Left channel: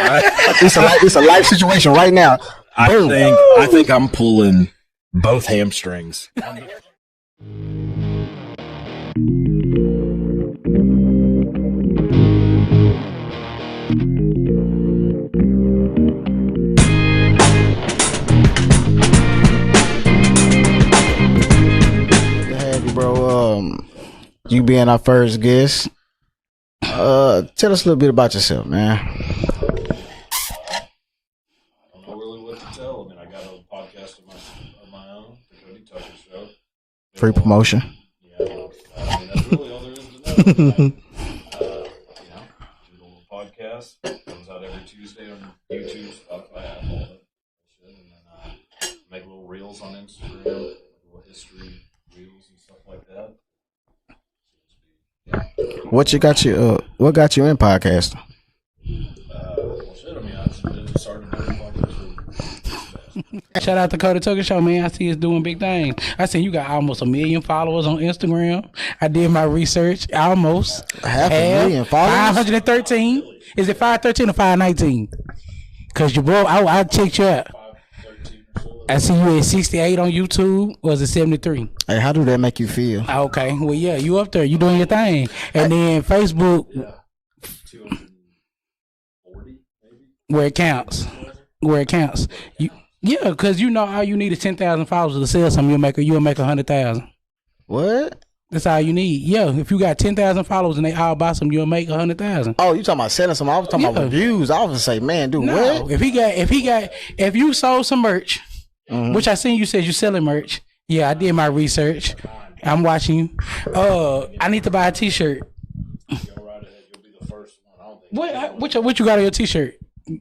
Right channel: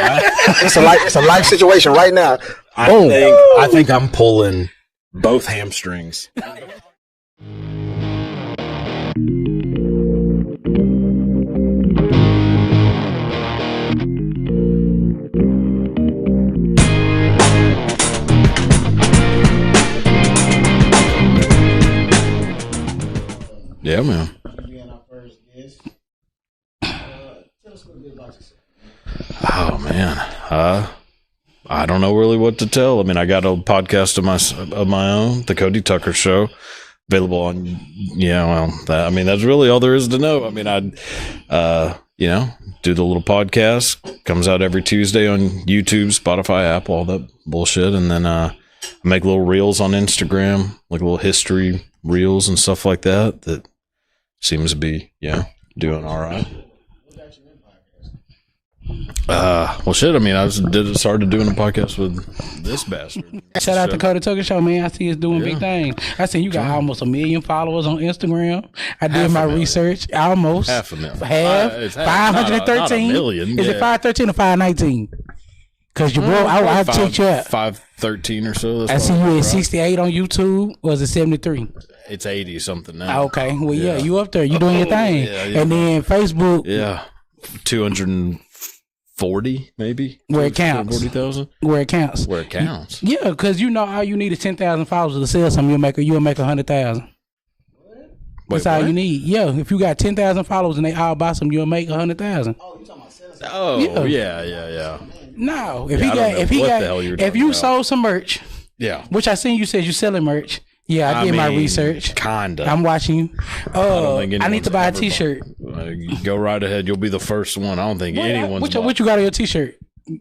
It's a life situation right now. Boom. I think I'm pulling both hamstrings. Yeah, man. You being our first guest, tell us a little bit about yourself, man. Oh man, I don't know really what to tell. I mean, I got a podcast of my own, the Cody Tucker Show. Available Free promotion. That's really all there is to know. I mean, I do the little podcast. Comes out every Tuesday on YouTube, Spotify, Apple, all that bullshit, and then I make little reels on Instagram, like little history reels and stuff like that. That seems to be doing. What got you in podcasting? Well, shit. I mean, I started doing a podcast with this bastard. Shout out to Cody Tucker Show, man. I see it's doing big things. I seen you got almost 1 million followers on Instagram. I did my research. Almost half 513. Is it 513 or 519? Because your bro, I checked you out. 513 or so. I see you at 68 on YouTube. Was it 73? Hey, how does that make you feel? Okay, well, yeah, you up there. You doing your thing. Yeah. And then Facebook. Yeah, 240 maybe. Where it counts. 40,000. Where it counts. Yeah, because all you need is 10,000 followers to sell something. You'll make 100,000. What? That's all you need. Yeah, if you got 10,000 followers and they all buy some, you'll make 100,000. Oh, you talking about selling some? I was talking about reviews. I was gonna say, man, dude. No, what? if you sold some merch, which I seen you said you selling merch. Yeah, I did my research. Kinda. I'm watching you. I need to buy a T-shirt. Go right ahead. You'll be the first one. I don't think anyone's. What you got on your T-shirt?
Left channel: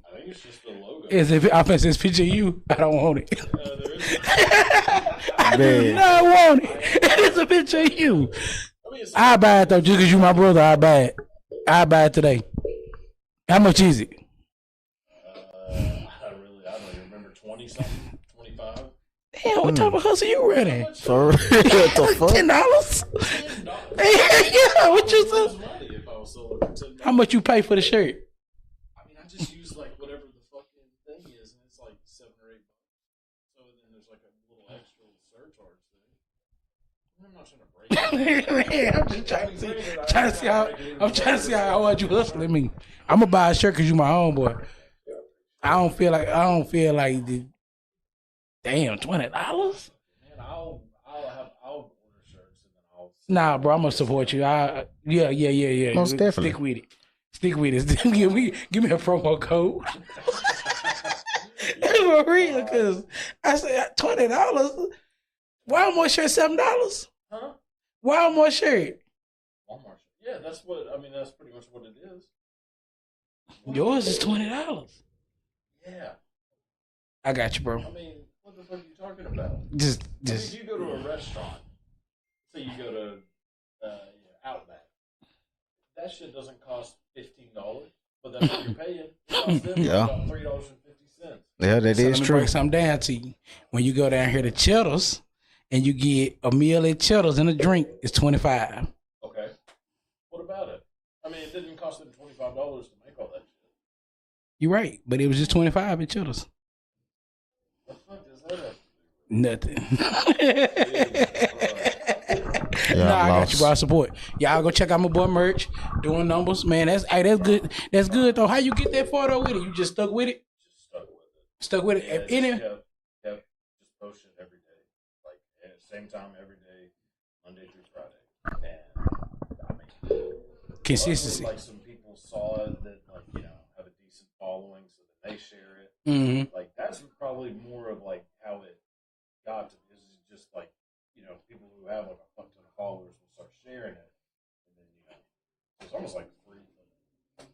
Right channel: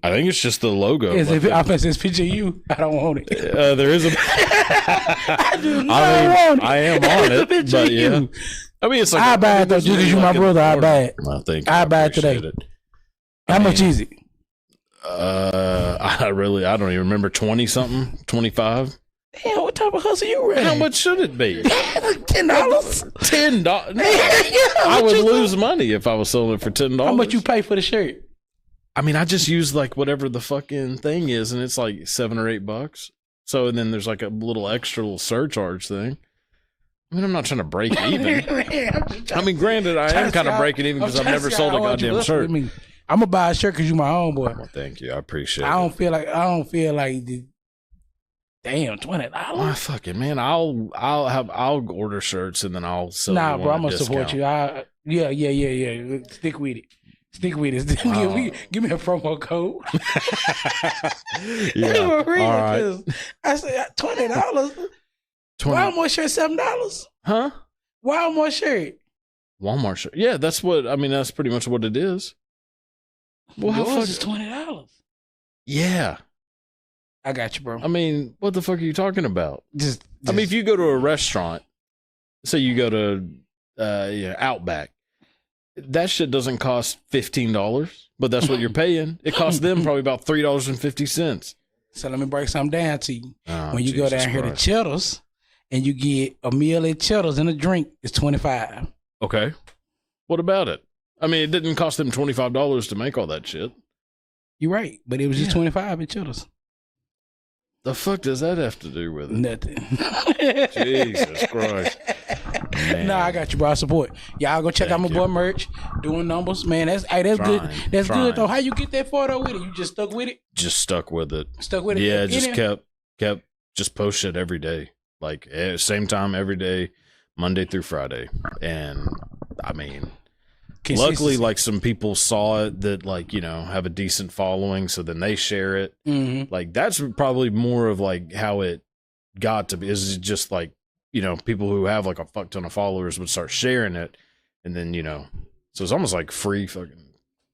I think it's just the logo. Is it? I think it's picture of you. I don't want it. There is a. I want it. I am on It's a picture of you. I mean, it's like I buy it though, just because you my brother. I buy it. I buy it today. How much is it? I don't even remember. 20 something, 25. Damn, what type of hustle you running? How much should it be? $10. $10. I would lose money if I was selling it for $10. How much you pay for the shirt? I mean, I just use like whatever the fucking thing is, and it's like $7 or $8. So and then there's like a little extra surcharge thing. I mean, I'm not trying to break even. I mean, granted, I am kind of breaking even because I've never sold a goddamn shirt. I'm gonna buy a shirt because you my homeboy. Oh, thank you, I appreciate it. I don't feel like the damn $20. Oh, fuck it, man. I'll order shirts and then I'll sell. Nah, bro, I'm gonna support you. Yeah. Stick with it. Stick with us. Give me a promo code. For real, because I said $20. Walmart shirt $7. Huh? Walmart shirt. Walmart shirt. Yeah, that's pretty much what it is. Well, yours is $20. Yeah. I got you, bro. I mean, what the fuck are you talking about? Just I mean, if you go to a restaurant, say you go to Outback, that shit doesn't cost $15, but that's what you're paying. It costs them probably about $3.50. Yeah, that is so let me true. break something down to you. When you go down here to Cheddar's and you get a meal at Cheddar's and a drink, it's $25. Okay. What about it? I mean, it didn't cost them $25 to make all that shit. You're right, but it was just $25 at Cheddar's. The fuck does that have to do with it? Nothing. Jesus Christ. I got you, bro. I support. Y'all go check out my boy merch, doing numbers, man. That's good. That's good though. How you get that far though with it? You just stuck with it? Just stuck with it. Stuck with it. Yeah, just kept just post shit every day, like same time every day, Monday through Friday, and I mean. Luckily, like some people saw it that have a decent following, so then they share it. Mm-hmm. Like that's probably more of like how it got to be. Is just like people who have like a fuck ton of followers would start sharing it, and then so it's almost like free fucking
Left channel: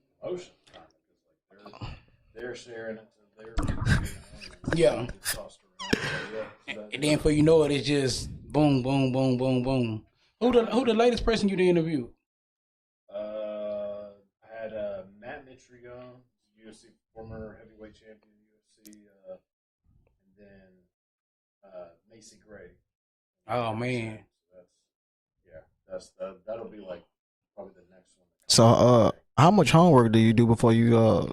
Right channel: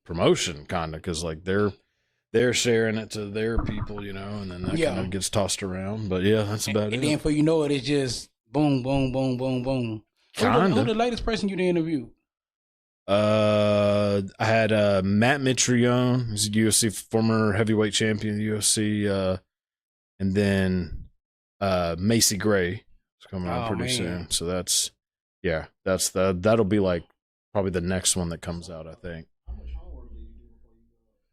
promotion kind of because like they're sharing it to their people, and then that kind of gets tossed around. But yeah, that's about it. And then before you know it, it's just boom, boom, boom, boom, boom. Who the latest person you did interview? I had Matt Mitrione, who's a UFC former heavyweight champion of the UFC, and then Macy Gray is coming out pretty soon. So that'll be like probably the next one that comes out. So how much homework do you do before you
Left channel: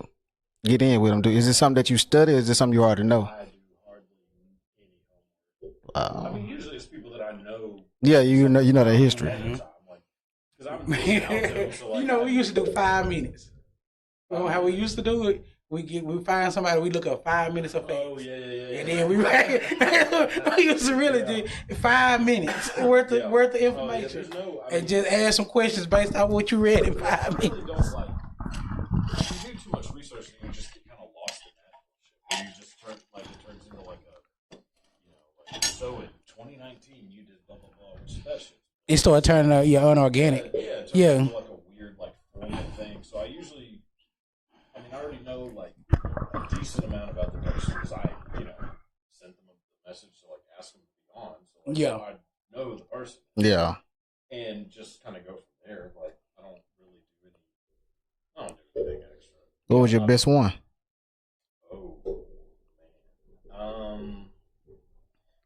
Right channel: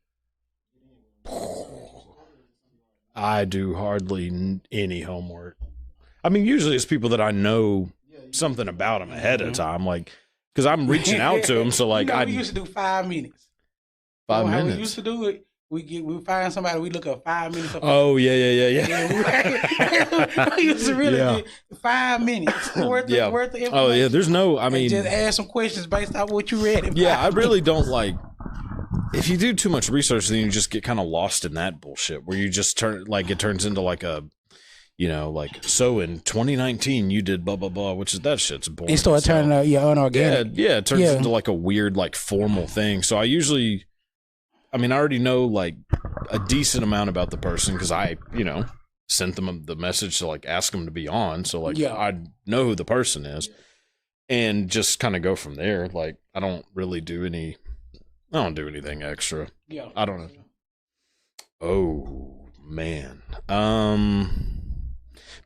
get in with them? Is it something that you study, or is it something you already know? I do hardly any homework. I mean, usually it's people that I know. Yeah, you know their history ahead of time, like because I'm reaching out to them. So like, we used to do 5 minutes. How we used to do it? We find somebody, we look up 5 minutes. Oh yeah. And then we used to really do 5 minutes worth of information. Oh yeah, there's no. I mean, and just ask some questions based on what you read. I really don't like. If you do too much research, then you just get kind of lost in that bullshit where you just it turns into like a, so in 2019 you did blah blah blah, which is that shit's boring. It started turning unorganic. Yeah, it turns into like a weird like formal thing. So I already know like a decent amount about the person because I, sent them the message to like ask them to be on. So like I know who the person is. Yeah. And just kind of go from there. Like I don't do anything extra. What was your best one? Oh man.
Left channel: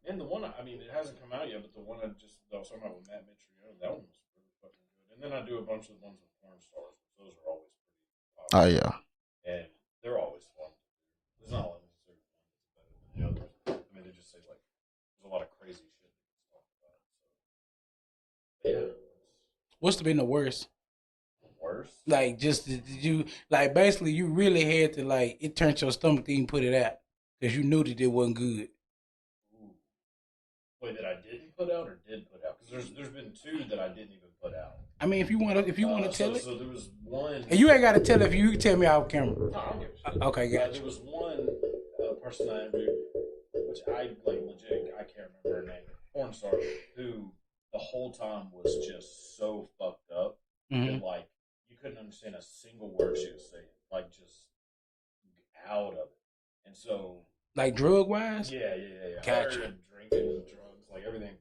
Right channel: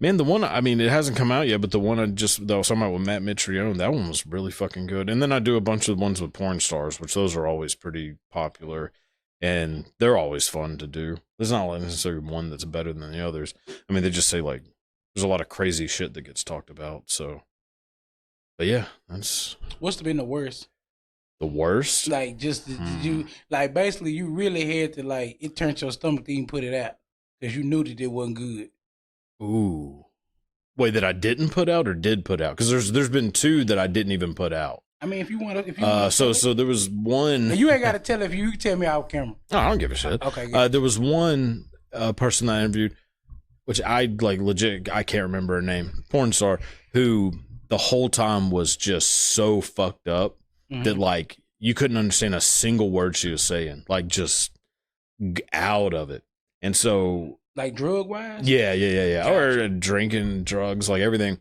Man, the one, it hasn't come out yet, but the one I was talking about with Matt Mitrione, that one was really fucking good. And then I do a bunch of ones with porn stars, which those are always pretty popular. Oh, yeah. And they're always fun to do. There's not necessarily one that's better than the others. They just say like, there's a lot of crazy shit that gets talked about. So, but yeah, that's. What's been the worst? The worst? Like just you, like basically you really had to like, it turned your stomach to even put it out because you knew that it wasn't good. Ooh. Wait, that I didn't put out or did put out? Because there's been 2 that I didn't even put out. If you want to, so there was one. You ain't got to tell if you can tell me off camera. No, I don't give a shit. Okay. Good. There was one person that I interviewed, which I like legit. I can't remember her name. Porn star who the whole time was just so fucked up that like you couldn't understand a single word she was saying. Like just out of it, and so. Like drug wise? Yeah. Gotcha. Or drinking, drugs, like everything.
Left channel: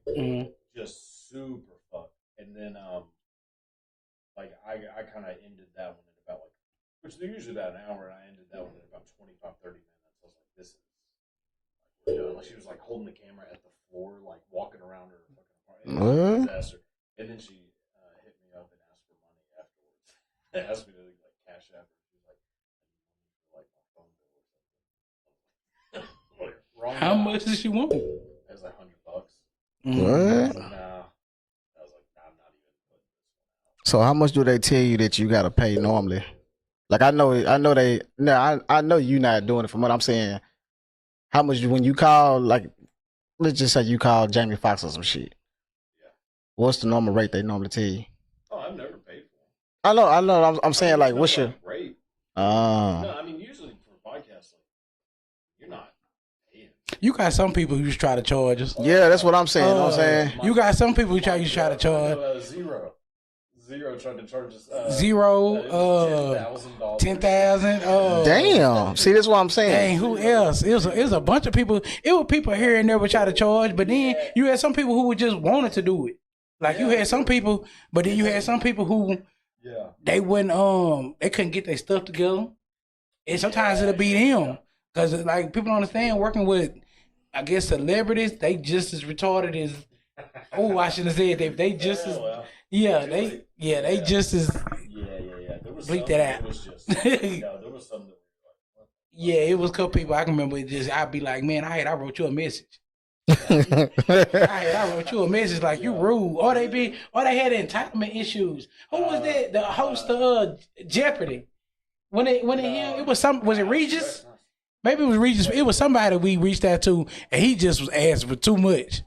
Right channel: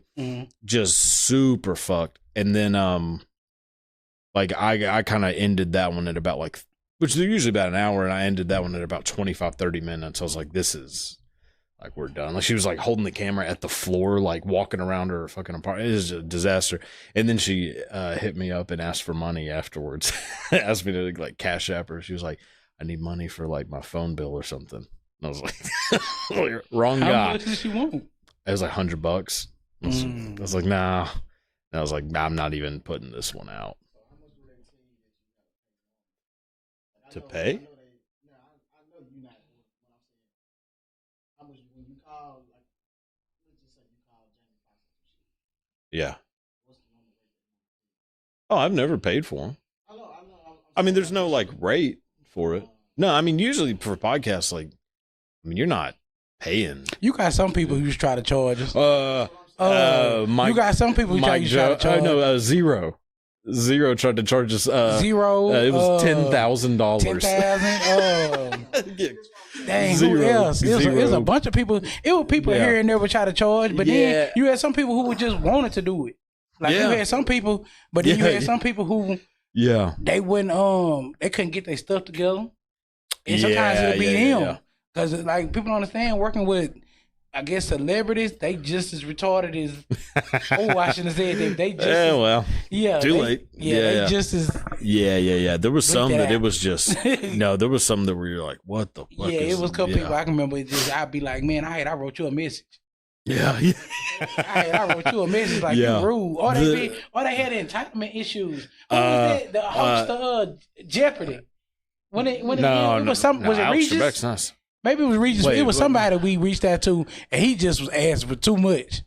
Just super fucked. And then I kind of ended that one at about like, which they're usually about an hour, and I ended that one at about 25-30 minutes. I was like, this is like, we're done. Like she was like holding the camera at the floor, like walking around her fucking apartment. It was a disaster. And then she hit me up and asked for money afterwards. Asked me to like cash app her. She was like, I need money for like my phone bill or something. I was like, wrong guy. How much did she want? It was like $100. I was like, nah. And I was like, nah, I'm not even putting this one out. So how much do they tell you that you gotta pay normally? Like I know you not doing it from what I'm saying. How much when you call, like, let's just say you call Jamie Foxx or some shit. Yeah. What's the normal rate they normally tell you? Oh, I've never paid for them. I know. I'm saying there's like, no what's like your rate? No, usually for podcasts, like, you're not paying. You got some people who just try to charge us. Yeah, that's what I'm saying. You got some people who try to charge. No, Zero tried to charge us. Zero. It was $10,000. $10,000. Damn. See, that's what I'm saying. Dang, who else? It was a bunch of people. It was people here and there would try to charge, but then you had some people who would just wanted to do it. Like you had some people, but then you had some people who they wouldn't they couldn't get their stuff together, and sometimes it'll be them. Because, like, people don't understand working with, I guess, celebrities, they just as retarded as, I shouldn't have said that. They just too late. They just as. Yeah. There was some that it was just, there was some that were like, what the fuck? Yeah, it was a couple people. I can remember I'd be like, man, I wrote you a message. Yeah. I wrote you a message like you rude. Or they had entitlement issues. Who was that? The host of Jeopardy. Was it Regis? Nice. Maybe it was Regis. It was somebody we reached out to, and he just was asking for too much.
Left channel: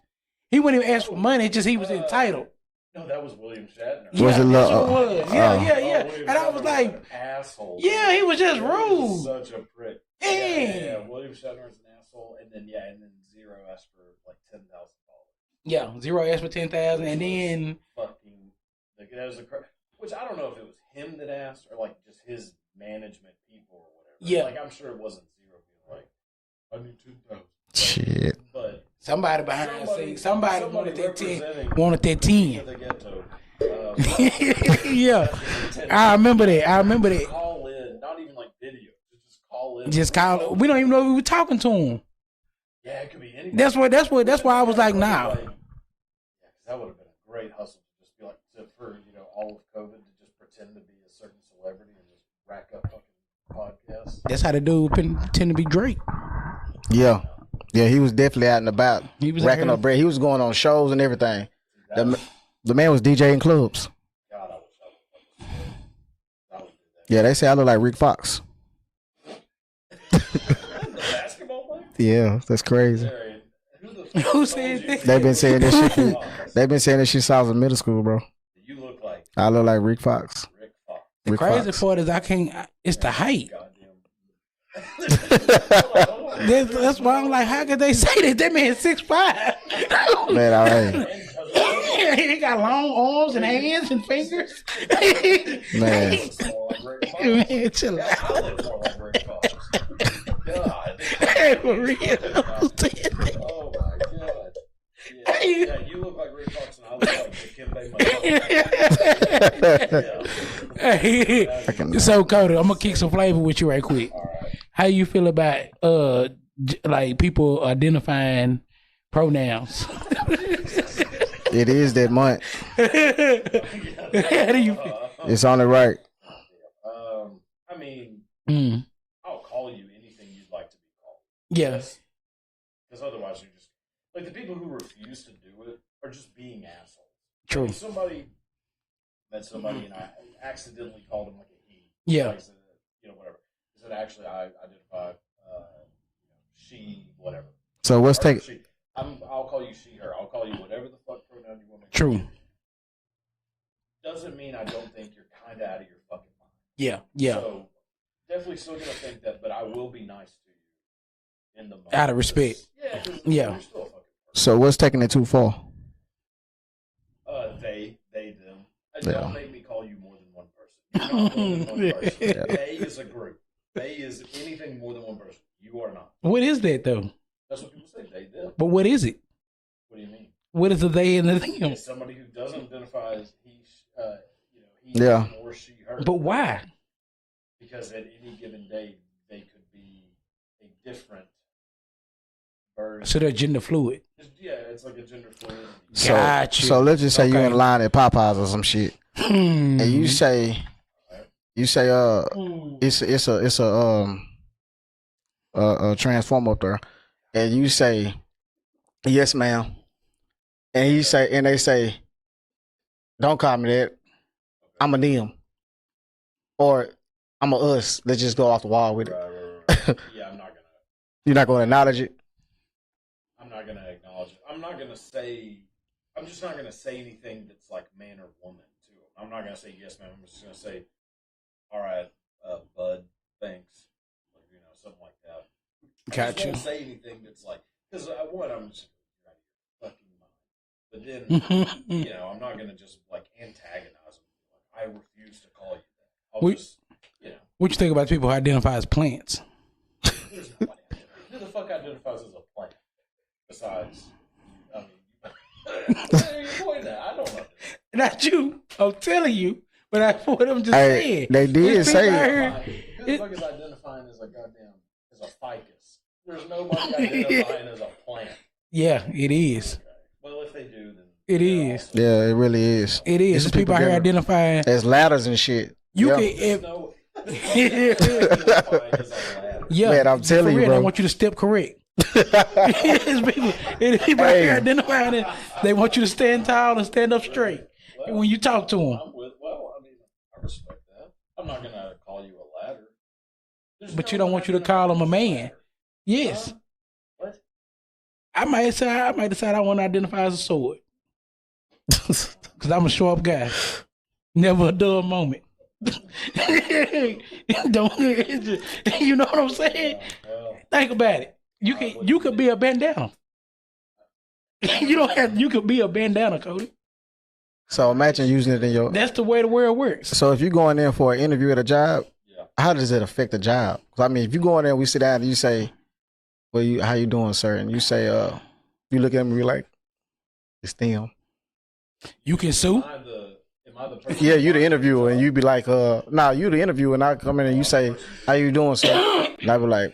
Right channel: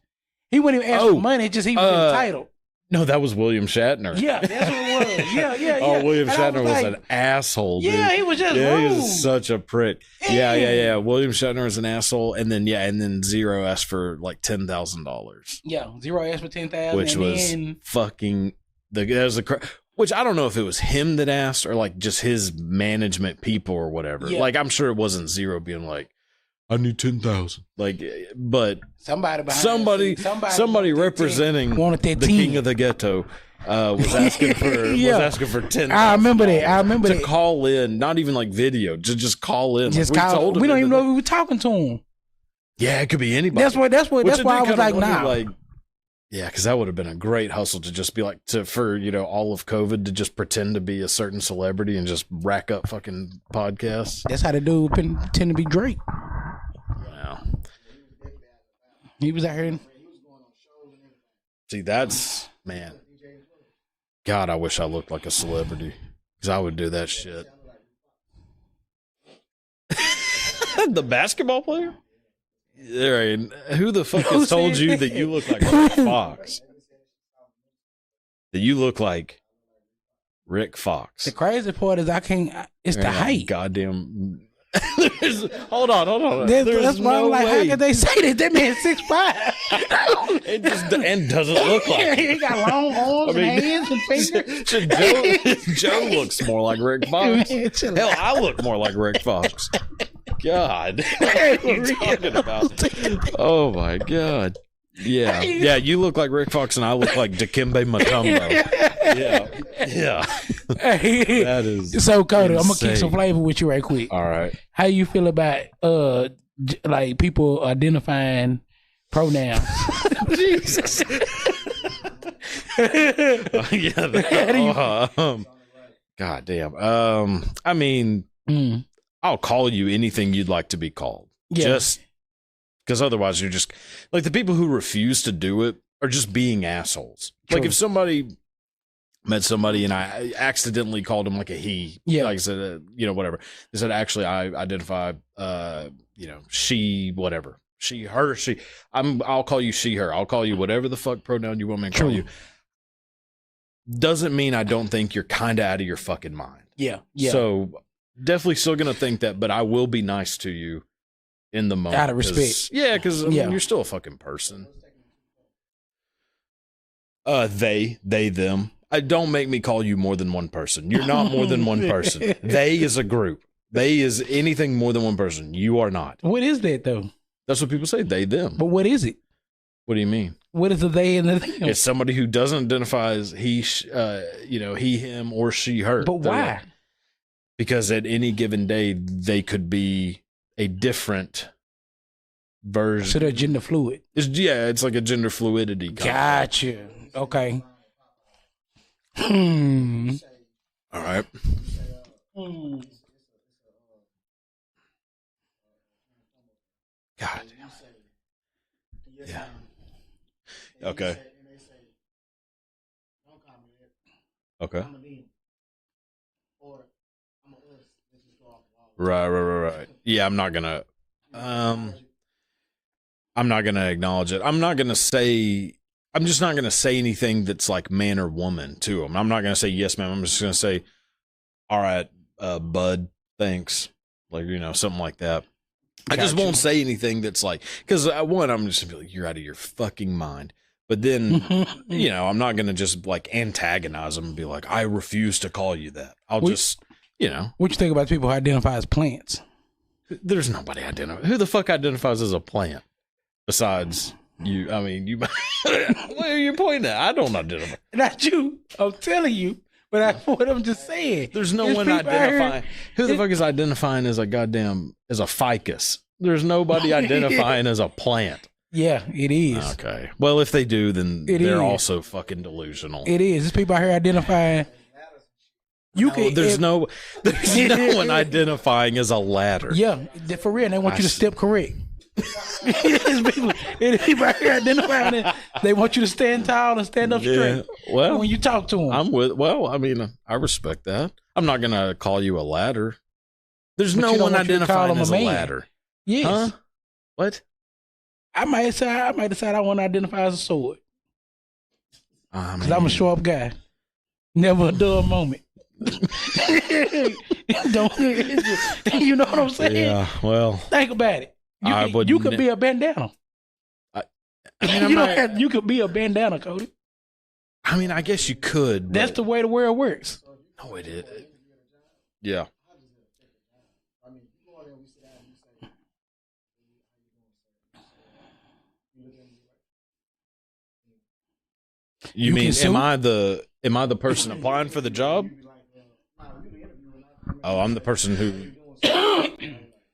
He wouldn't even ask for money; just he was entitled. No, that was William Shatner. Yeah, that's what it was. Yeah. William Shatner was an asshole. Yeah, he was just rude. He was such a prick. Yeah. William Shatner was an asshole, and then Zero asked for like $10,000. Yeah, Zero asked for $10,000, which and was then fucking which I don't know if it was him that asked or like just his management people or whatever. Yeah. Like I'm sure it wasn't Zero being like, I need 10,000. Like, shit. But somebody representing wanted that the 10. king of the ghetto was asking for 10,000. I remember that. Call in, not even like video, just call in. Just call. We don't even know if we were talking to him. Yeah, it could be anybody. That's why I was like, nah. Like, Yeah, because that would have been a great hustle to just be like, for all of COVID to just pretend to be a certain celebrity and just rack up fucking podcasts. That's how the dude tend to be Drake. Yeah. Yeah, he was definitely out and about. He was racking up bread. He was going on shows and everything. See, that's... The man was DJing clubs. God, I wish I looked like a celebrity. Because I would do that shit. Yeah, they say I look like Rick Fox. The basketball player? Yeah, that's crazy. Who the fuck has told you that They've you been look saying like this Rick Fox? They've been saying this shit since I was in middle school, bro. That you look like... I look like Rick Fox. Rick Fox. The crazy part is it's the height. Goddamn... hold on. That's why I'm like, how could they say that? That man 6'5". Man, all right. And doesn't look like he got long arms and hands and fingers. Joe looks more like Rick Fox. Hell, I look more like Rick Fox. God. Oh my God. Yeah, you look like Rick Fox and I look like Dikembe Mutombo. Yeah. So, Cody, I'm going to kick some flavor with you right quick. All right. How you feel about like people identifying pronouns? It is that month. It's on the right. God damn. I mean, I'll call you anything you'd like to be called. Yeah. Just because otherwise you're just like the people who refuse to do it are just being assholes. True. Like if somebody met somebody and I accidentally called him like a he, yeah, like I said, whatever. They said actually I identify, she, whatever. So what's her, she? I'll call you she, her. I'll call you whatever the fuck pronoun you want me to call you. Doesn't mean I don't think you're kind of out of your fucking mind. Yeah. So definitely still gonna think that, but I will be nice to you in the moment out of respect. Yeah, because you're still a fucking person. So what's taking it too far? They, them. Don't make me call you more than one person. You're not more than one person. They is a group. They is anything more than one person. You are not. What is that though? That's what people say. They, them. But what is it? What do you mean? What is the they and the them? It's somebody who doesn't identify as he, him, or she, her. But why? Because at any given day, they could be a different version. So they're gender fluid. It's like a gender fluidity. Gotcha. So let's just say you're in line at Popeyes or some shit, and you say, "All right," you say, it's a transformer up there, God. And you say, "Yes, ma'am," and they say, "Don't call me that. Okay, I'm a them, or I'm a us." Let's just go off the wall with it. Right. Yeah, I'm not gonna. You're not gonna acknowledge it. I'm not gonna acknowledge it. I'm just not gonna say anything that's like man or woman to them. I'm not gonna say yes, ma'am. I'm just gonna say, all right, bud, thanks. Like, something like that. I just won't say anything that's like, because one, I'm just gonna be like, you're out of your fucking mind. But then, I'm not gonna just like antagonize them and be like, I refuse to call you that. What you think about people who identify as plants? There's nobody who the fuck identifies as a plant besides you. I mean, you. What are you pointing at? I don't identify. Not you. I'm telling you. But that's what I'm just saying. There's no one identifying. Who the fuck is identifying as as a ficus? There's nobody identifying as a plant. Yeah, it is. Okay. Well, if they do, then they're also. Yeah, it really is. It is. There's people out here identifying as ladders and shit. There's no one identifying as a ladder. Yeah, I'm telling for real. You, bro. They want you to step correct. People out here identifying it. They want you to stand tall and stand up straight. Well, when you talk to them, I respect that. I'm not gonna call you a ladder. There's but no you don't one want you to call them a man. Ladder. Yes. Huh? What? I might decide I want to identify as a sword. Because I'm a sharp guy. Never a dull moment. Don't you know what I'm saying? Yeah, well, think about it. You could be a bandana. You could be a bandana, Cody. So imagine using it in your, that's the way the world works. So if you're going in for an interview at a job, how does it affect the job? I mean, if you go in there, we sit down and you say, "Well, how you doing, sir?" And you say, you look at me like, "It's them." You can sue? Am I the person? Yeah, you the interviewer, and you be like, you the interviewer, and I come in and you say, "How you doing, sir?" And I be like,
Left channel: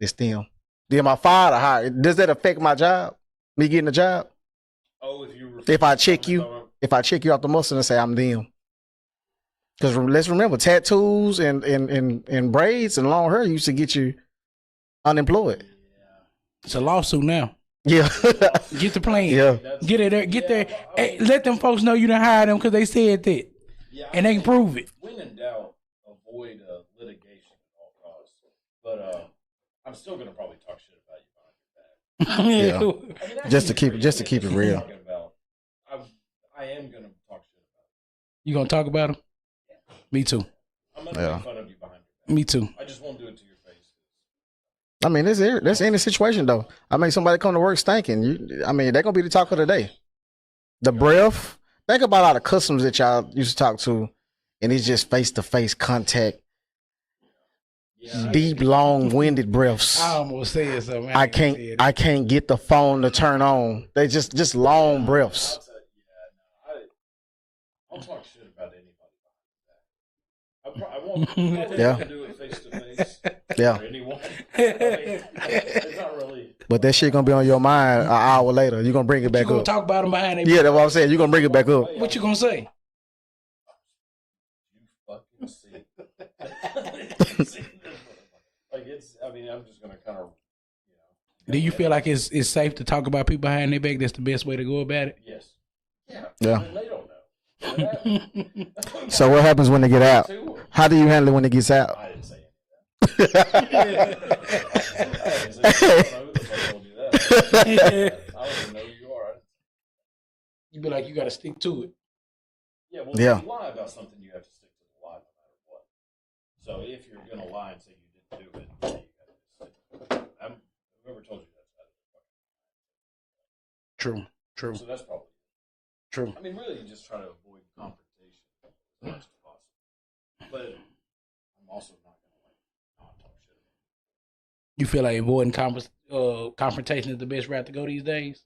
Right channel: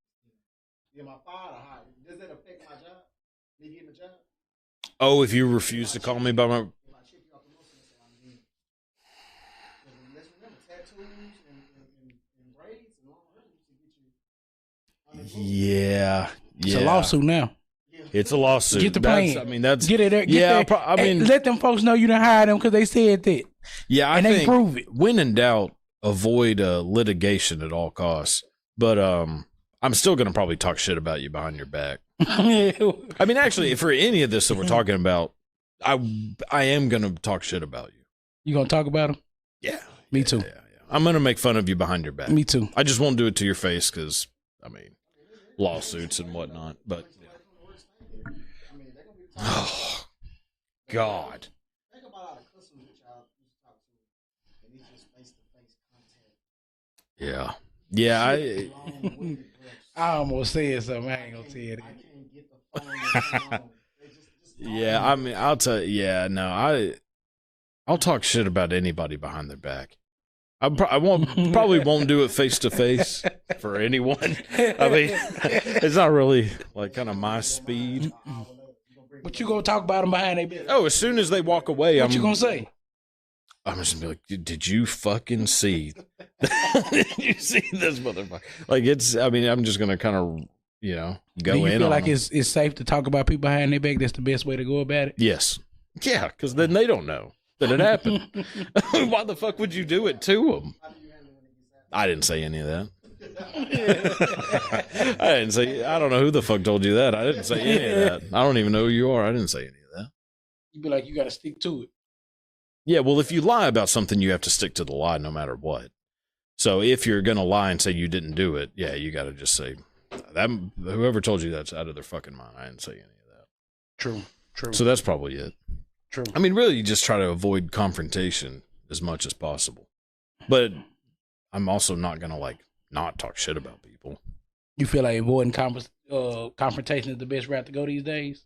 "It's them." Then my father hired. Does that affect my job? Me getting a job? Oh, if you refuse If I to check call me you, by my... if I check you off the muscle and say I'm them. Because let's remember, tattoos and braids and long hair used to get you unemployed. Yeah. It's a lawsuit now. Yeah, It's a lawsuit. Get the plan. I mean, that's, Get it there. Get there. And let them folks know you done hired them because they said that. Yeah, and they can prove it. When in doubt, avoid litigation at all costs. But I'm still gonna probably talk shit about you behind your back. Yeah. I mean, actually, for any of this that we're talking about, I am gonna talk shit about you. You gonna talk about them? Yeah, me too. Yeah. I'm gonna make fun of you behind your back. Me too. I just won't do it to your face because. I mean, that's any situation though. I mean, somebody come to work stinking. They're gonna be the talk of the day. The breath. Think about all the customers that y'all used to talk to, and it's just face to face contact. Yeah. Deep, long-winded breaths. I almost said something. I can't get the phone to turn on. They just long breaths. I'll tell you. Yeah, no, I'll talk shit about anybody behind their back. I probably won't do it face to face for anyone. I mean, it's not really. But that shit gonna be on your mind an hour later. You gonna bring it back. You gonna talk about them behind their back? Yeah, that's what I'm saying. You gonna bring it back up. What you gonna say? I'm just gonna be like, did you fucking see? Did you see this motherfucker? Like it's. I mean, I'm just gonna kind of go. Do you feel like it's safe to talk about people behind their back? That's the best way to go about it. Yes. Yeah, because then they don't know that it happened. So what happens when they get out? How do you handle it when it gets out? I didn't say any of that. I didn't say. I don't know who the fuck told you that. I didn't say any of that. I don't even know who you are. I didn't say any of that. You'd be like, you got to stick to it. Yeah, well, if you lie about something, you have to stick to the lie no matter what. So if you're gonna lie and say you didn't do it, yeah, you got to just say that. Whoever told you that's out of their fucking mind. I didn't say any of that. True. So that's probably it. True. I mean, really, you just try to avoid confrontation as much as possible. But I'm also not gonna not talk shit about people. You feel like avoiding confrontation is the best route to go these days?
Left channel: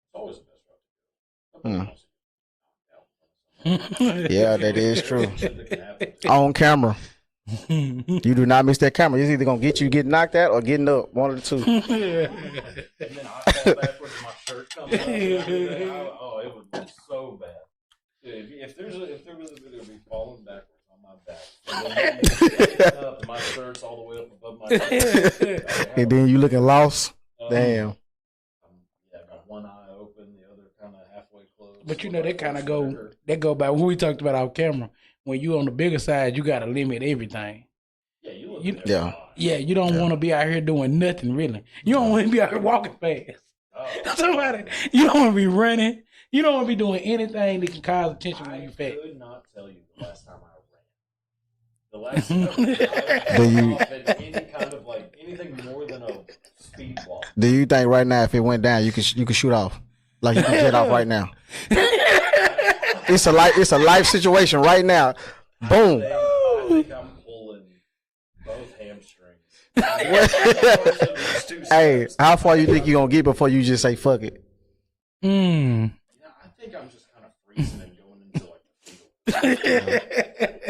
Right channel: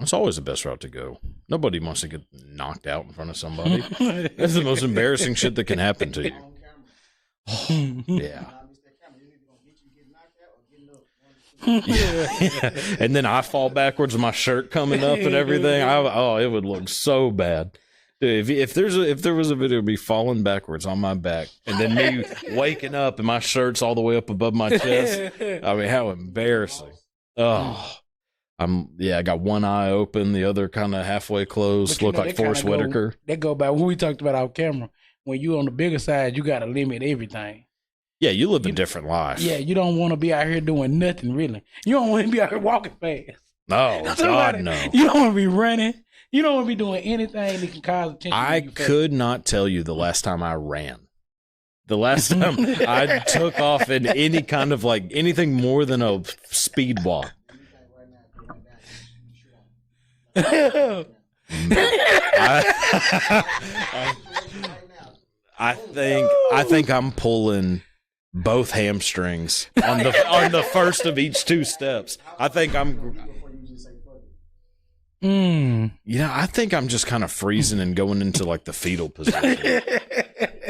It's always the best route to go. Nobody wants to get knocked out in front of somebody. It's the most embarrassing shit that can happen to you. On camera. You do not miss that camera. It's either going to get knocked out or getting up. One of the two. And then I fall backwards with my shirt coming up and everything. It would look so bad. Dude, if there was a video of me falling backwards on my back and then me waking up and my shirt's all the way up above my chest. I mean, and then you looking lost. Damn. I got one eye open, the other kind of halfway closed. Look like Forrest Whitaker. That go back when we talked about our camera. When you on the bigger side, you got to limit everything. Yeah, you live a different life. Yeah, you don't want to be out here doing nothing, really. You don't want to be out here walking fast. No, God, no. You don't want to be running. You don't want to be doing anything that can cause attention. I could not tell you the last time I ran. The last time I took off in any kind of anything more than a speed walk. Do you think right now if it went down, you could shoot off? Like you can get off right now? It's a life situation right now. Boom. I think I'm pulling both hamstrings on the first of each two steps. Hey, how far you think you're going to get before you just say fuck it? I think I'm just kind of freezing and going into the fetal position.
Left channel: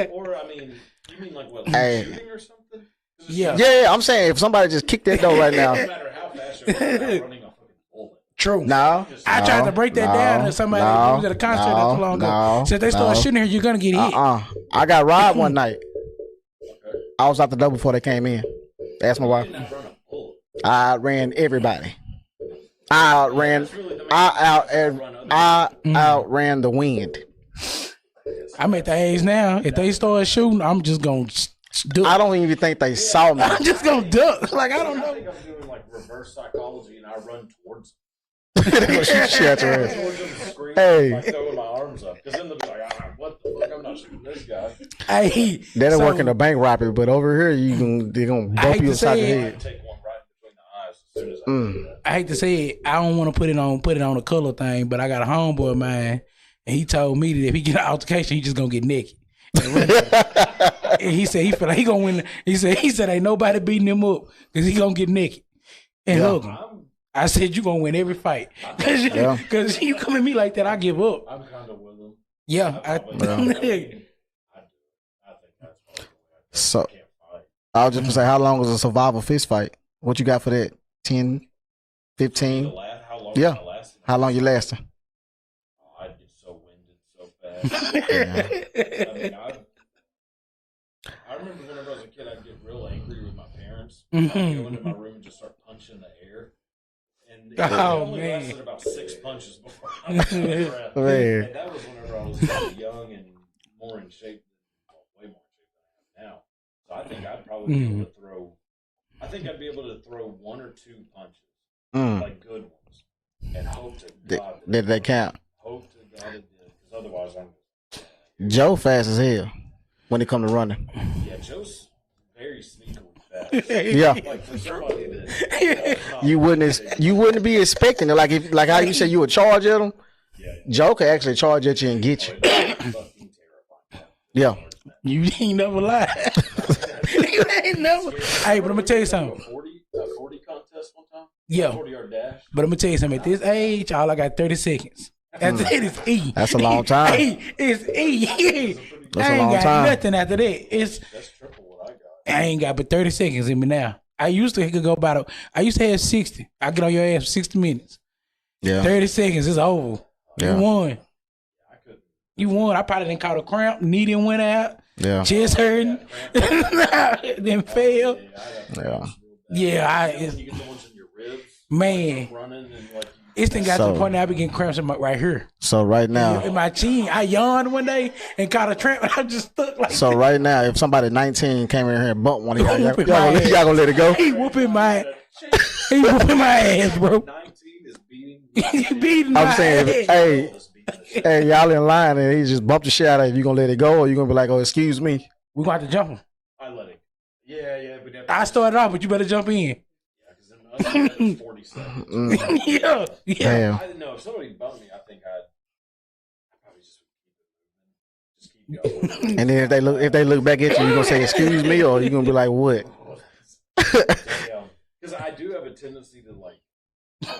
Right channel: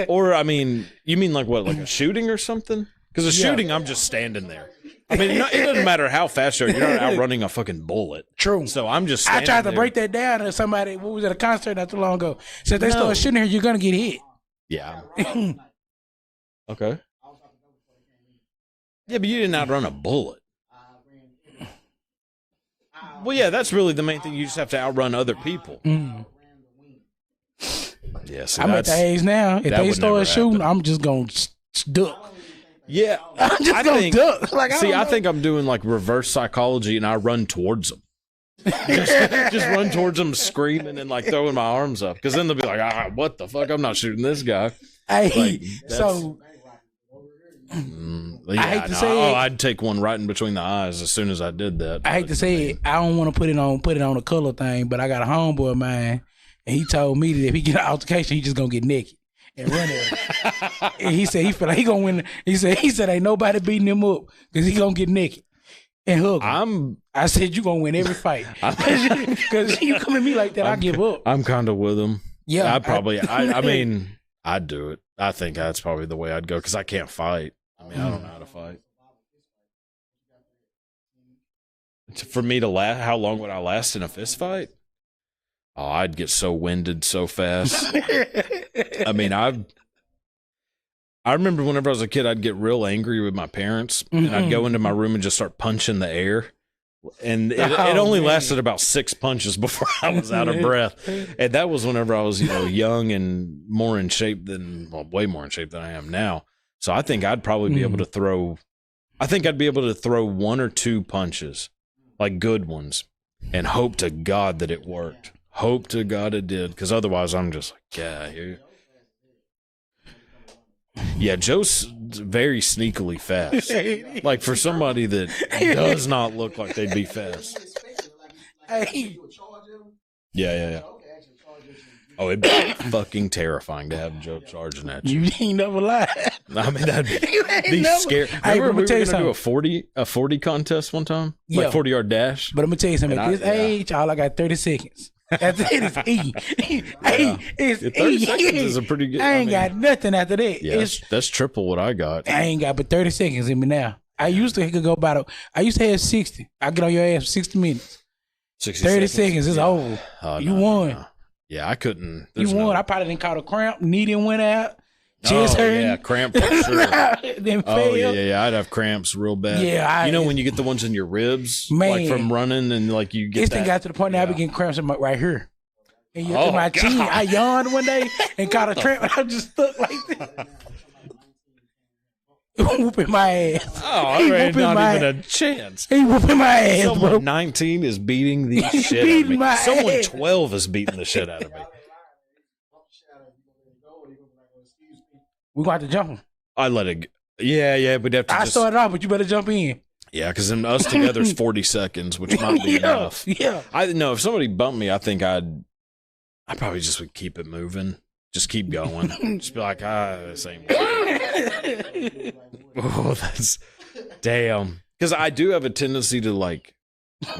Or, I mean, you mean what, shooting or something? Because shooting, I'm saying if somebody just kicked that door right now. It doesn't matter how fast you're outrunning a fucking bullet. True. So I'm just. I tried to break that down to somebody who was at a concert not too long ago. Said they start shooting here, you're gonna get hit. I got robbed one night. Okay. I was out the door before they came in. But you didn't outrun a bullet. I ran everybody. That's really the main thing. You just have to outrun other people. I outran the wind. Yes, I'm at the age now. If they start shooting, I'm just gonna duck. I don't even think they saw me. I'm just gonna duck. I think I'm doing reverse psychology, and I run towards them. just run towards them, screaming, throwing my arms up, because then they'll be like, what the fuck? I'm not shooting this guy. Hey, that'll work in a bank robbery, but over here they're gonna. I hate to say it. I'd take one right in between the eyes as soon as I did that. I hate to say it. I don't want to put it on a color thing, but I got a homeboy of mine, and he told me that if he get an altercation, he just gonna get naked. And he said he feel like he gonna win. He said ain't nobody beating him up because he gonna get naked and hug him. I said you gonna win every fight because you come at me like that. I give up. I'm kind of with him. Yeah, I mean, I'd do it. I think that's probably the way I'd go because I can't fight. I was just gonna say, how long was a survival fist fight? What you got for that? 10, 15? For me to last, how long I last in a fist fight? How long you lasting? Oh, I'd get so winded so fast. I mean, I remember whenever I was a kid, I'd get real angry with my parents. I'd go into my room and just start punching the air. And it only lasted about 6 punches before I was out of breath. And that was whenever I was, young and more in shape way more in shape than I am now. So I think I'd probably be able to throw, one or two punches, like good ones, and hope to God that it worked. Count. Hope to God it did, because otherwise I'm just like, yeah. Joe fast as hell when it comes to running. Yeah, Joe's very sneakily fast. Yeah, like for somebody that does not, you wouldn't be expecting it. Like how you said you would charge at him. Yeah. Joe could actually charge at you and get you. Oh, it'd be fucking terrifying to have Joe charging at you. You ain't never lied. I mean, that'd be never. Scary. Hey, but let me tell you something. A 40 contest one time. Yeah, 40-yard dash. But let me tell you something. At this age, all I got 30 seconds. After that is E. That's a long time. It's E. It's a pretty good. I ain't got nothing after that. Yeah, that's triple what I got. I ain't got but 30 seconds in me now. I used to go about I used to have 60. I get on your ass for 60 minutes. Yeah. 30 seconds is over. Oh, you won. Yeah, I couldn't. You won. I probably didn't caught a cramp. Knee didn't went out. Yeah. Chest hurting. Yeah, cramp. Then failed. Yeah, I'd have cramps real bad. Yeah, when you get the ones in your ribs, man, like from running, and like you get. This thing got to the point now I be getting cramps right here. So right now, in my chin, I yawned one day and caught a cramp. And I just stuck like. So right now, if somebody 19 came in here and bumped one of y'all, y'all gonna let it go. He whooping my ass. He whooping my ass, bro. 19 is beating the shit. Beating my ass. 12 is beating the shit. Hey, y'all in line and he just bumped the shit out of you. You gonna let it go, or you gonna be like, oh, excuse me? We're going to have to jump him. I let it go. Yeah, but have to. I started off, but you better jump in. Yeah, because then us together is 40 seconds, which might be enough. Yeah. I know if somebody bumped me, I think I probably just would keep it moving, just keep going. And then if they look back at you, you gonna say excuse me, or you gonna be like what? Oh, that's damn. Because I do have a tendency to like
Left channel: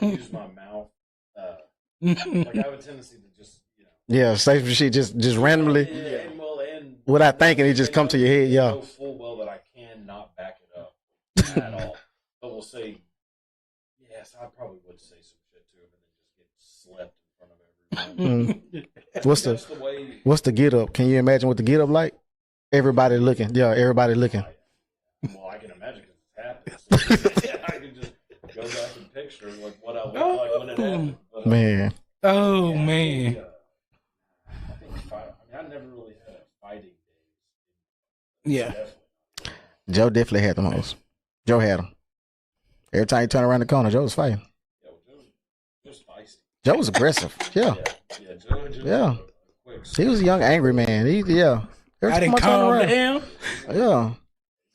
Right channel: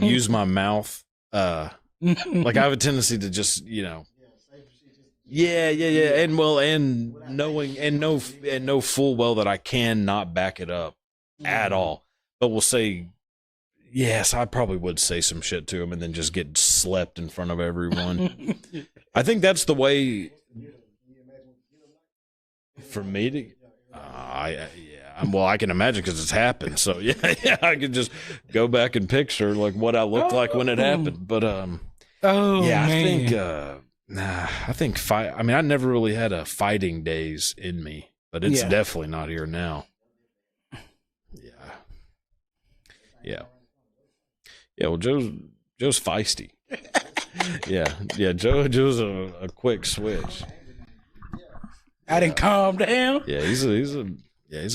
use my mouth. Like I have a tendency to just, say some shit just randomly. Yeah, and without thinking, it just comes to your head. Yeah, know full well that I cannot back it up at all. But we'll say, yes, I probably would say some shit to him and then just get slept in front of everyone. I think that's the way. What's the get up? Can you imagine what the get up like? Everybody looking. Yeah, everybody looking. Well, I can imagine because it's happened. So I could just go back and picture like what I looked like when it happened. But man, I think fight. I mean, I never really had a fighting days in me, but it's definitely not here now. Joe definitely had the most. Joe had them. Every time you turn around the corner, Joe was fighting. Yeah, well, Joe's feisty. Joe was aggressive. Yeah. Joe's a quick. He was a young, angry man. I didn't calm down. Yeah,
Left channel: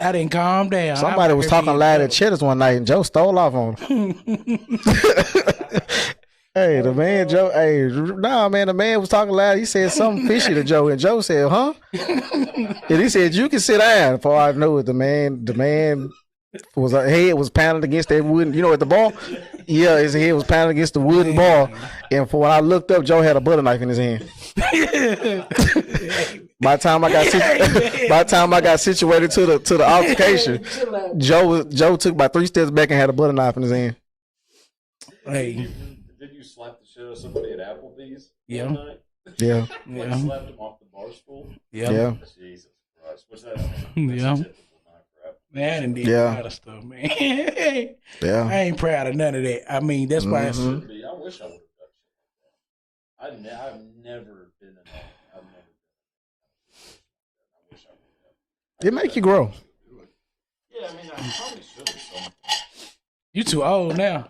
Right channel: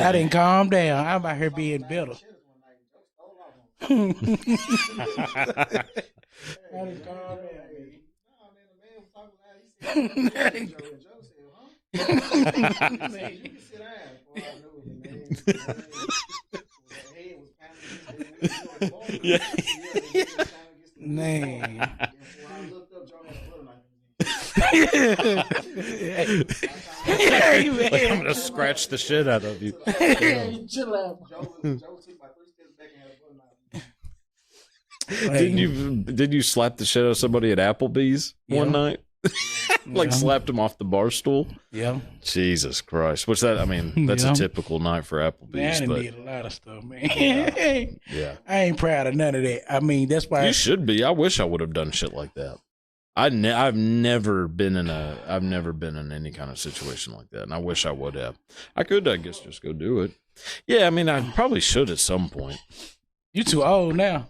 I didn't calm down. Somebody was talking loud at Cheddar's one night, and Joe stole off on him. Hey, the man, Joe. Hey, the man was talking loud. He said something fishy to Joe, and Joe said, "Huh?" And he said, "You can sit down." Before I know it, the man was head was pounded against that wooden. At the bar. Yeah, his head was pounded against the wooden bar. And for when I looked up, Joe had a butter knife in his hand. By the time I got situated to the altercation, Joe took about 3 steps back and had a butter knife in his hand. Did you slap the shit out of somebody at Applebee's one night? Yeah. Slapped him off the bar stool? Yeah. Jesus Christ. That's a typical night for Applebee's. Man, I didn't do a lot of stuff, man. I ain't proud of none of that. I mean, that's why you should be. I wish I would have done shit like that. I've never been in any kind of situation like that, and I wish I would have. It make you grow. Just go do it. Yeah, I mean, I probably should at some point. You too old now.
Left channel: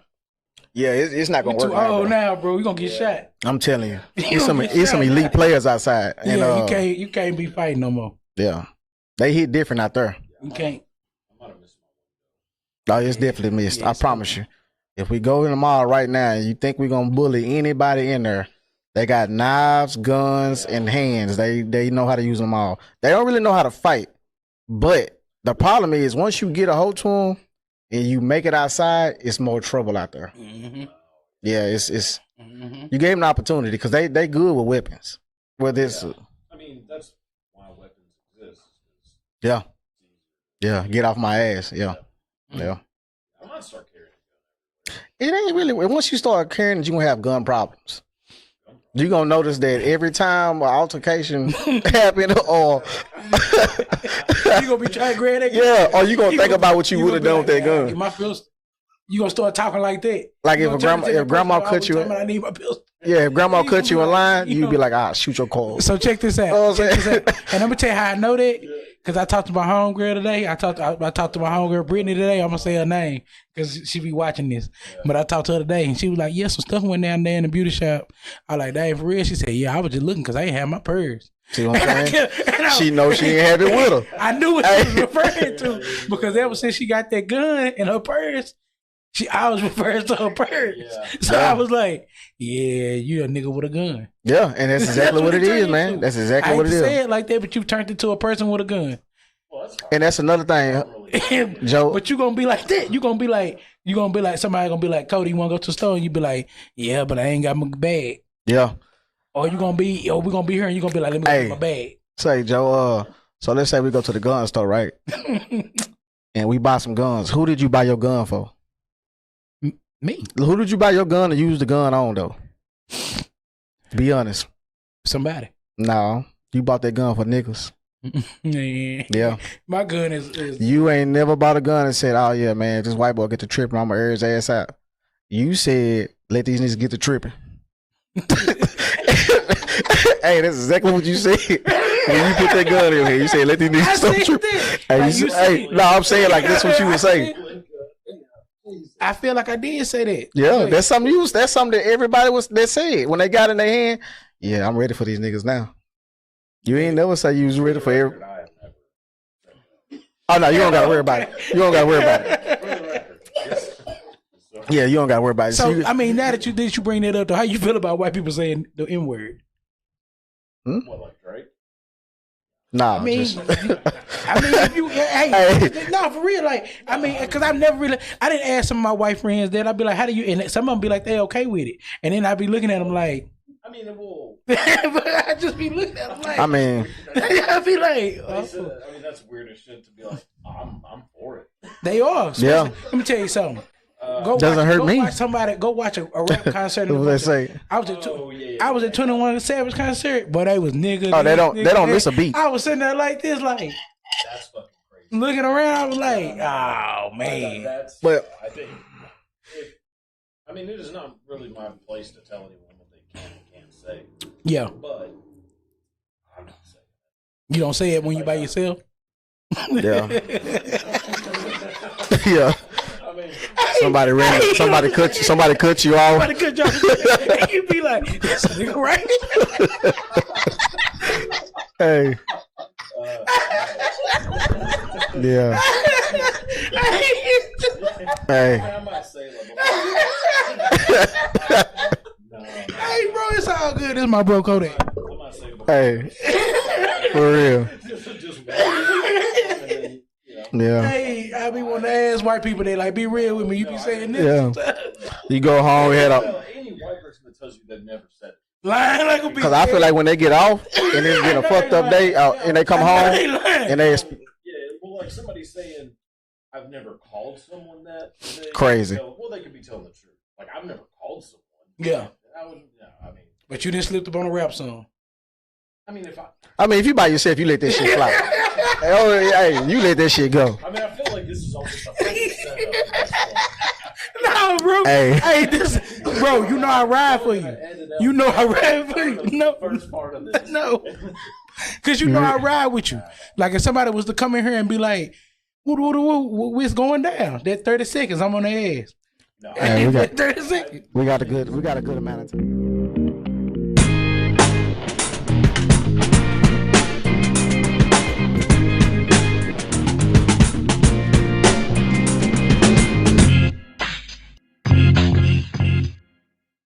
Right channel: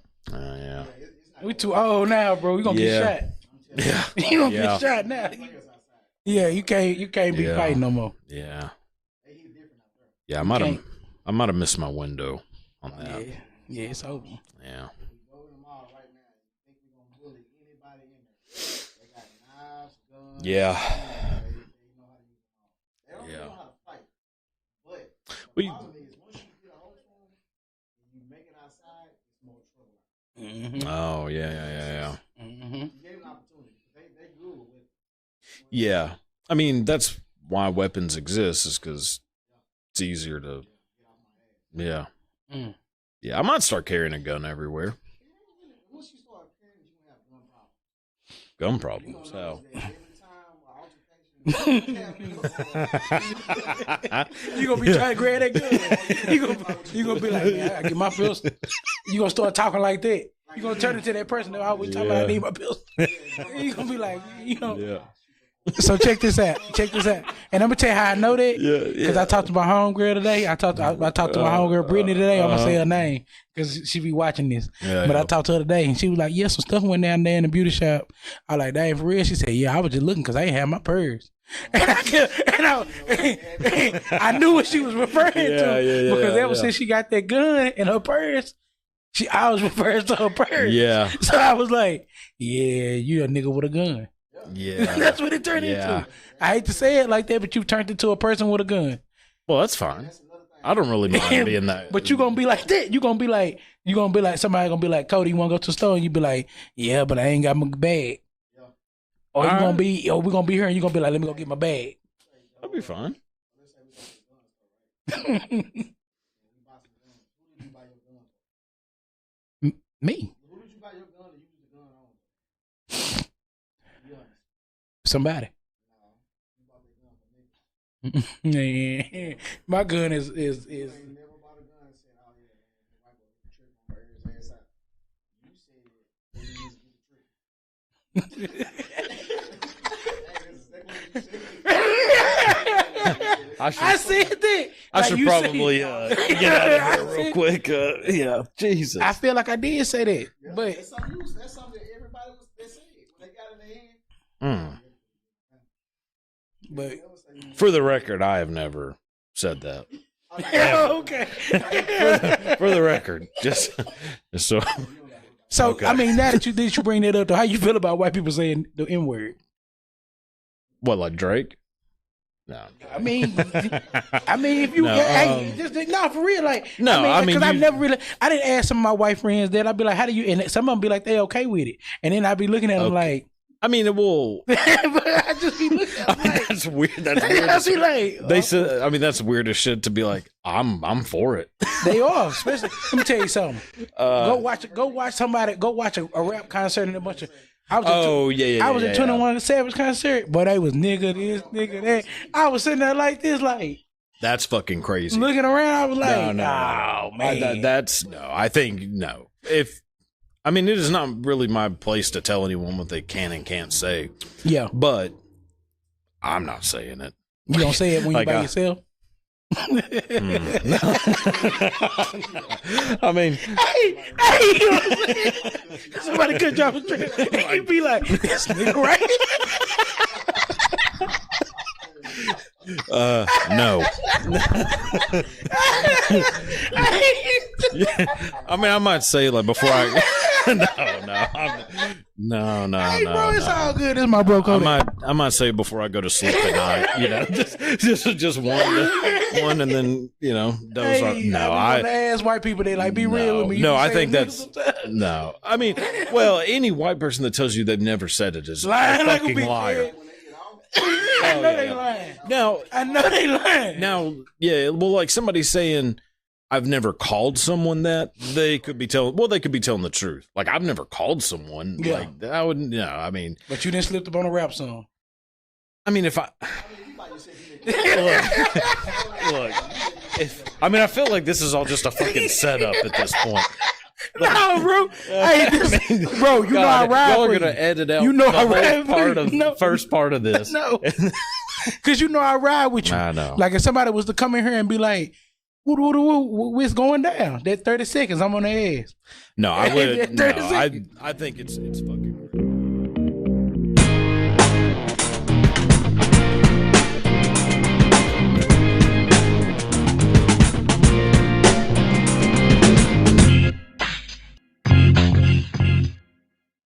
It's not gonna work. You too old now, bro. You gonna get shot. I'm telling you, there's some elite players outside. And, you can't be fighting no more. Yeah, they hit different out there. Yeah, I might have missed my window. No, it's definitely missed. I promise you. Yeah. If we go in the mall right now and you think we're gonna bully anybody in there, they got knives, guns, and hands. They know how to use them all. They don't really know how to fight. But the problem is once you get a hold to them and you make it outside, it's more trouble out there. Mm-hmm. Oh yeah. Yeah, it's you gave them an opportunity because they good with weapons. I mean that's why weapons exist is because it's easier to get off my ass. Yeah. I might start carrying a gun everywhere. It ain't really once you start carrying it, you gonna have gun problems. gum problems. You're gonna notice that every time an altercation happen, or you gonna be trying to grab that gun. Yeah, or you gonna think about what you would have done with that gun. Get my pistol. You gonna start talking like that. Like if grandma cut you, I need my pistol. Yeah, if grandma cut you in line, you'd be like, "Ah, shoot your call." So check this out. Check this out. And I'm gonna tell you how I know that. Because I talked to my homegirl today. I talked to my homegirl Brittany today. I'm gonna say her name because she be watching this. But I talked to her today, and she was like, "Yeah, some stuff went down there in the beauty shop." I was like, "Dang, for real?" She said, "Yeah, I was just looking because I ain't have my purse." She knows she ain't have it with her. I knew what she was referring to because ever since she got that gun in her purse, I was referring to her purse. Yeah. So I was like, "Yeah, you a nigga with a gun." Yeah, and that's exactly what it is, man. That's exactly what it is. I hate to say it like that, but you turned into a person with a gun. Well, that's fine. And that's another thing. I don't really mind being that. But you gonna be like that. You gonna be like somebody gonna be like, "Cody, you wanna go to the store?" And you be like, "Yeah, but I ain't got my bag." Yeah. Or we gonna be here and you gonna be like, "Let me go get my bag." Say, Joe, so let's say we go to the gun store, right? And we buy some guns. Who did you buy your gun for? Me. Who did you buy your gun to use the gun on, though? Be honest. Somebody. No. You bought that gun for niggas. Yeah. My gun is You ain't never bought a gun and said, "Oh yeah, man, this white boy get to tripping, I'm gonna air his ass out." You said, "Let these niggas get to tripping." Hey, that's exactly what you said. When you put that gun in here, you said, "Let these niggas get to tripping." Like you said. No, I'm saying like that's what you were saying. Quick, yeah, Jesus. I feel like I did say that. Yeah, but that's something that's something that everybody that said when they got in their hand. Yeah, I'm ready for these niggas now. You ain't never say you was for ready the for record. I have never said that. Oh no, you don't gotta worry about it. You don't gotta worry about it. For the record, just so. Yeah, you don't gotta worry about it. So I mean, now that you bring that up, though, how you feel about white people saying the N word? What, like Drake? No. Nah. I mean, if you, no, for real, like, no, I mean, because I've never really, I didn't ask some of my white friends that. I'd be like, how do you, and some of them be like, they okay with it. And then I'd be looking at them like, I mean, it will. But I just be looking at them like, I mean, weird. That's weird. I be like, They said, I mean, that's weird as shit to be like, I'm for it. they are. Especially, let me tell you something. Go watch a rap concert. In the I was at 21 Savage concert, but they was nigga. Oh, they don't miss a beat. I was sitting there like this, like. That's fucking crazy. Looking around, I was like, oh man. That's. I think no. I mean, it is not really my place to tell anyone what they can and can't say. Yeah. But I'm not saying it. You don't say it when you by yourself? Yeah. Yeah. I mean, somebody cut you off. Somebody cut you off. You'd be like, this nigga right? Hey. No. Yeah. Hey. I mean, I might say like before I. No. Hey, bro, it's all good. This is my bro Cody. I might say before I go to sleep tonight. For real. just one, and then Yeah. Hey, I be want to ask white people. They like, be real with me. You I think that's no. You go home. Well, any white person that tells you they've never said it is lying like a bitch. Because I feel like when they get off and they get a fucked up day, and they come home, and they well, like somebody saying, I've never called someone that. They crazy. They could be telling the truth. Like I've never called someone. Yeah, like, I wouldn't. Yeah, I mean, but you didn't slip up on a rap song. I mean, if you by yourself, you let that shit fly. Hey, you let that shit go. I mean, I feel like this is all just a fucking setup at this point. No, bro. Hey, bro, you know I ride for you. Edit out you know I ride for you. The first part of this. No, because you know I ride with you. I know. Like if somebody was to come in here and be like, what's going down? That 30 seconds, I'm on their ass. No, we got a good amount of time.